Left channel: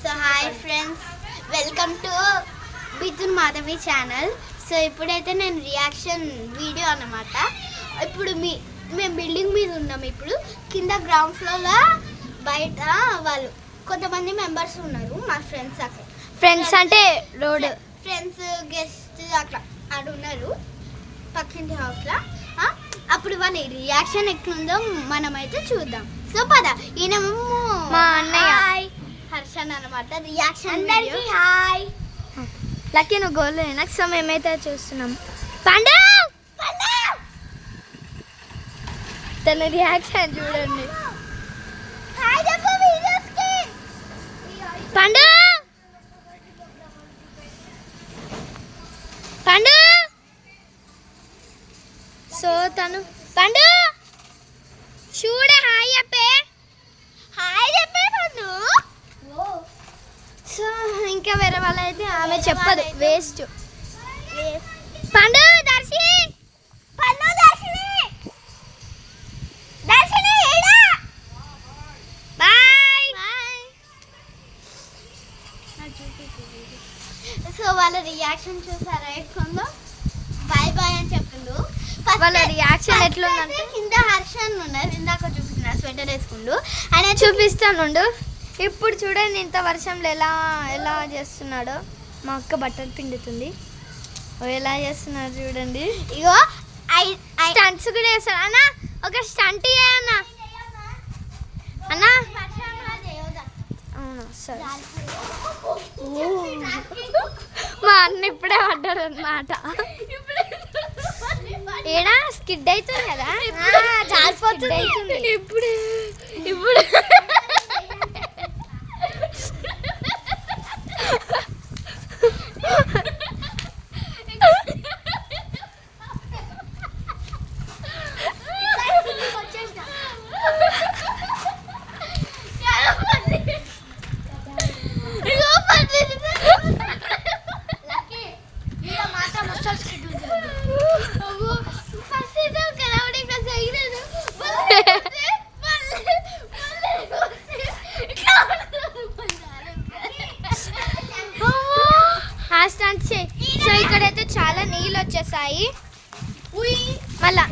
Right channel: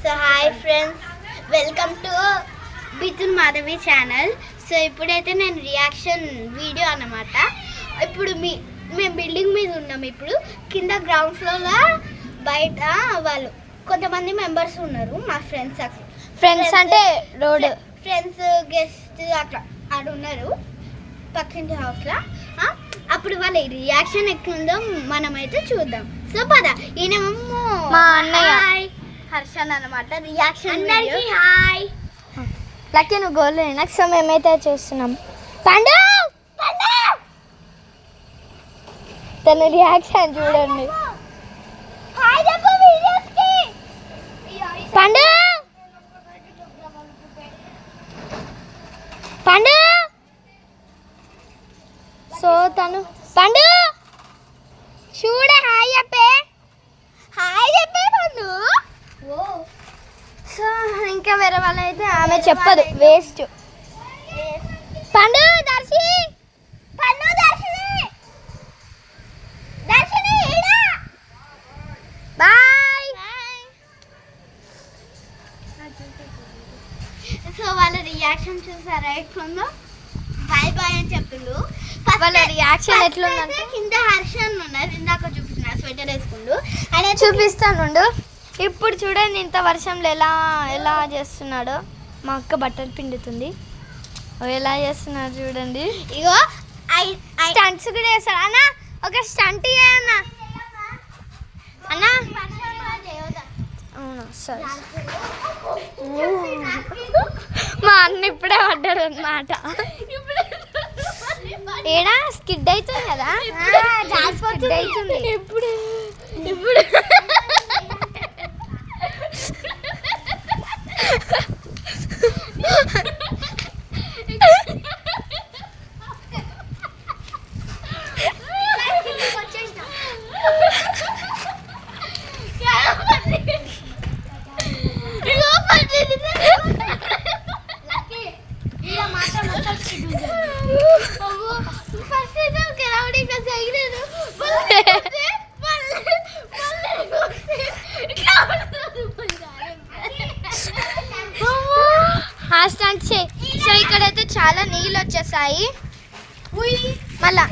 So hi friends, welcome to Bithun Madhavi channel. So ఇప్పుడైతే నేను reaction video అన్నమాట. ఇప్పుడు మేము బిల్డింగ్ మీద ఉన్నాం. ఇప్పుడు కింద గ్రౌండ్ ఫ్లోర్లో బయట వాళ్ళు కొంతమంది మెంబర్స్ ఉన్నారు, మా ఫ్రెండ్స్. అక్కడ ఫ్రెండ్స్ అంటే రోడ్ ఫ్రెండ్స్ గెస్ట్ అట్లా ఆడ ఉన్నారు పక్కింటి హౌస్లో. అప్పుడు వాళ్ళ రియాక్షన్ ఎట్లుందో మనమైతే చూద్దాం. సో పద, ఈయనేమో మా అన్నయ్య హర్షన్ అన్నమాట. రియాక్షన్ హాయ్ లక్కీ, నువ్వు గోల్ నాకు. సో మేమైతే చూస్తున్నాం. పండు తన రియాక్షన్ చూడండి. పండు పండు సో తను పండు చూడే హాయ్ చెప్పే, హాయ్ చెప్పే పండు. సో ఇంకా వేరే వాళ్ళు అయితే ఆమె చెప్పదు, వేస్ట్. పండు దర్శి పండు దర్శిని దర్శిని బాయ్. సో వాళ్ళ రియాక్షన్ చూసారా ఎట్లుందో? బాయ్ బాయ్ అని చెప్పిండు. వాళ్ళ రియాక్షన్ ఎట్లుందంటే కింద హర్షన్ ఉన్నారు, ఇందాక చూపిస్తున్నారు స్వెటర్ వేసుకుండు. ఆయన చూపిస్తానుండు. ఇప్పుడు చూడండి ఇంత వర్షంలో ఎలా ఎలా చేస్తున్నాడో. మా అక్క బట్టలు పిండుతుంది, ఎలా చేస్తున్నారు చూడండి. ఇగో స్టంట్స్ కూడా చేస్తాడు అన్న. ఒక స్టంట్ చేయన్నా అన్న. అవునా సరే. మా అన్న ఇప్పుడే పడ్డాడు అన్నమాట. ఏడా స్కిడ్ అవుతుంది కదా, స్కిడ్ అవుతుంది ఇప్పుడు. సో ఇక్కడైతే చాలా నీళ్ళు వచ్చేసాయి మళ్ళా.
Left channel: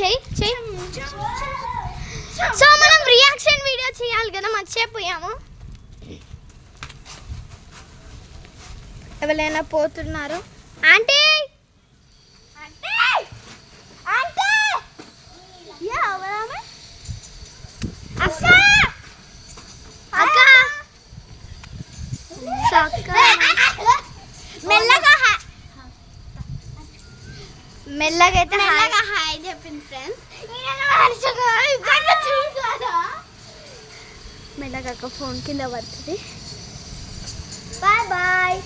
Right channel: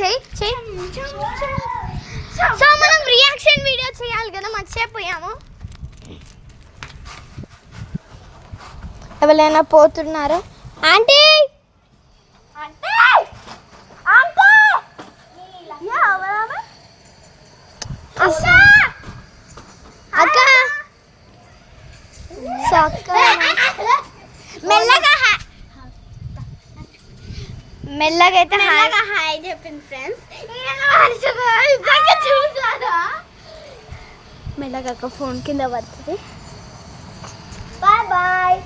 చెయ్యి చెయ్యి. సో మనం రియాక్షన్ వీడియో చేయాలి కదా, మర్చిపోయాము. ఎవరైనా పోతున్నారు? ఆంటీ అక్క మెల్లగా అయితే హాయ్ చెప్పింది ఫ్రెండ్స్. మెల్లగా ఫోన్ కింద పడుతుంది. Bye bye.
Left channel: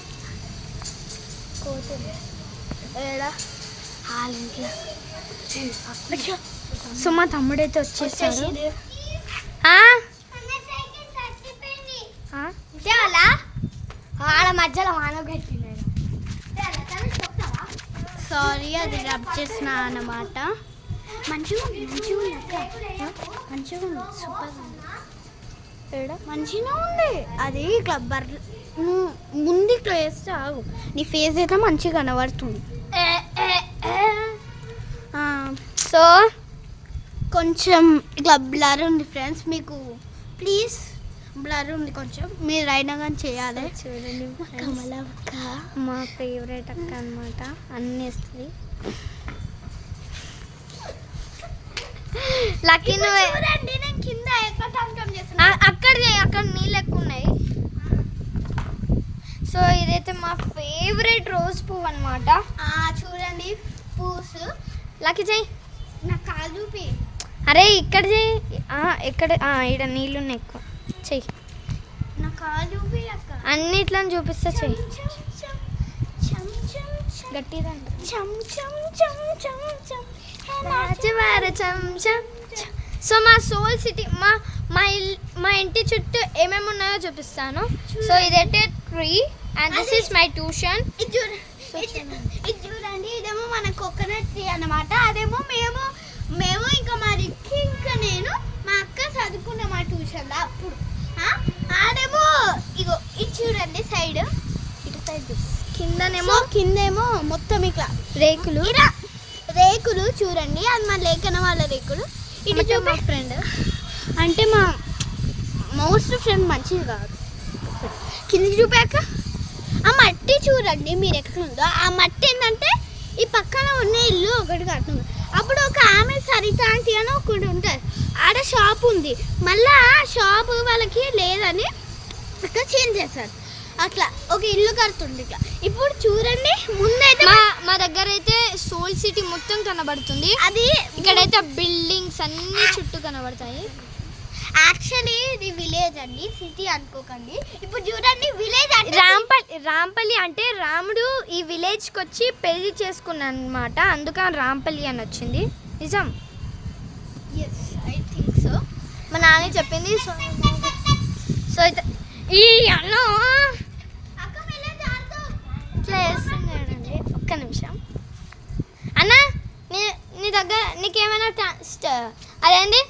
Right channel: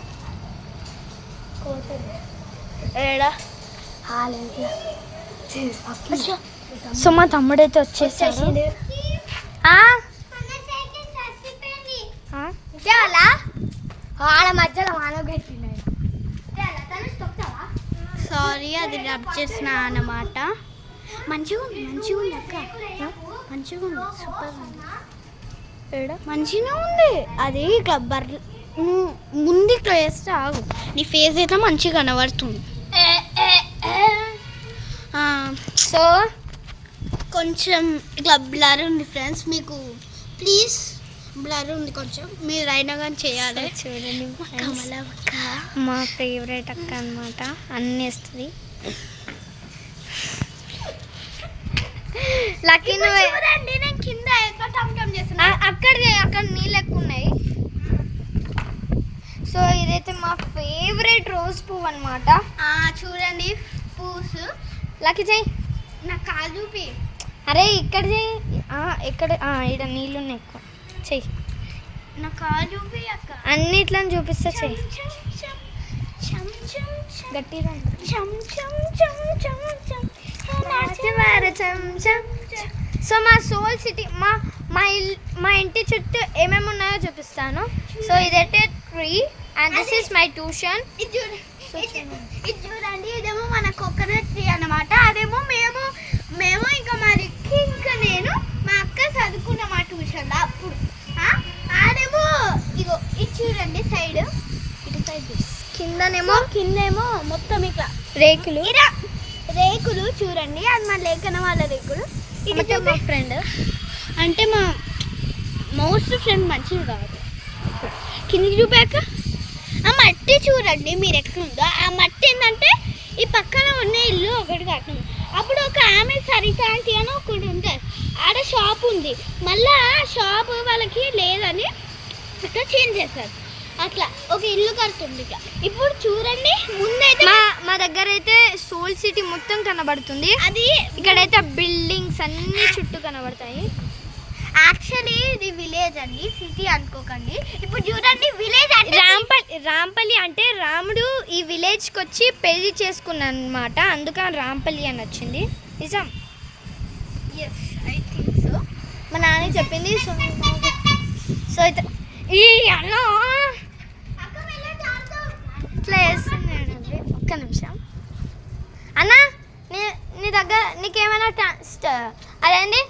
ఏడా సో మా తమ్ముడైతే వచ్చేసాడు. ఆడ మధ్యలో మానవ కట్టిండు. సారీ, అది రబ్ చేసిన అన్నమాట. మంచిగా ఉంది అక్క, మంచిగా ఉంది, సూపర్ ఉంది. మంచిగా ఉంది. అది ఇట్లా ముందు ఇట్లా వేస్తే ఆగు, నీ ఫేస్ అయితే మంచిగా కనబడుతుంది. సో కొంచెం ఇట్లా బ్లర్ ఉంది ఫ్రెండ్స్, మీకు ప్లీజ్ బ్లర్ ఉంది కొంచెం, మీరు అయినా కానీ చేయాలి. చూడండి కమల అక్క మా ఫేవరెట్ అక్క అన్నమాట, అన్నీ వేస్తుంది. లక్కీ చూడండి, నేను కింద అక్కడ నీళ్ళు ఎక్కువ ఉన్నాయి. సో ఇదైతే మా ఫేవరెట్ రోజ్ పువ్వు అన్నమాట. చూడండి పూసు. లక్కీ చెయ్యి, నాకు కాలు చూపి. అరే ఇక్కడ చెయ్యి. ఇక్కడ ఇక్కడ నీళ్ళు ఉన్నాయి ఎక్కువ. చెయ్యి, నా కాలు చూపి అక్క. అన్నిట్లని చూపిస్తా. చెయ్యి గట్టిగా. సో మా సోల్ సిటీ, మా ఇంటి చుట్టూ ఏమేమి ఉన్నాయో చూపిస్తాను. సో ఇదైతే tree and this is my tuition. ఇది చూడండి, ఇదేమో మన కోకోనట్ ట్రీ అన్నమాట. అదేమో మేము ఇంకా మా రిక్కి ఇంకా నేను చదువుకున్నాం ఆ ట్యూషన్లో అప్పుడు. ఆడేమో ఇగో ఇది చూడండి సైడ్, ఇటు సైడ్ కిందనేమో కిందేమో మొత్తం ఇట్లా రేకులు. ఇలా రేకులు చూడండి, అది మా లేఖన వాళ్ళ రేకులు. ఇటు అంటే మా చూపి- ఫ్రెండ్. అంటే మా మోస్ట్ ఫ్రెండ్ మంచిది కాదు. కిందికి చూపాక ఆ మట్టి చూడండి మీరు ఎట్లుందో. ఆ మట్టి ఏంటంటే ఈ పక్కన ఉన్న ఇల్లు ఒకటి కట్టింది. అప్పుడు ఒక ఆమె సరికాంతి అని ఒకటి ఉంటుంది, ఆడ షాప్ ఉంది. మళ్ళీ ఆ షాప్ వాళ్ళకి లేదని ఇక్కడ చేంజ్ చేస్తారు. అట్లా ఒక ఇల్లు కడుతుంది ఇట్లా. ఇప్పుడు చూడండి ముందైతే మా దగ్గర అయితే సోల్ సిటీ మొత్తం కనబడుతుంది. అది ఇక్కడైతే బిల్డింగ్స్ అన్ని చుట్టూ కనబడతాయి. యాక్చువల్లీ ఇది విలేజ్ అండి, సిటీ అనుకోకండి. ఇప్పుడు చూడండి విలేజ్ అంటే రాంపల్లి అంటే రాముడు ఈ విలేజ్కి వచ్చి పెళ్లి చేసుకున్నాను అనమాట, అందుకని రాంపల్లి అని వచ్చింది. నిజం. Yes I think so. మా నాన్న చెప్పింది. సో అయితే ఈ అన్నం ఇట్లా వేస్తున్నాడు. ఒక్క నిమిషం అన్న, నీ దగ్గర నీకేమైనా అదేంటి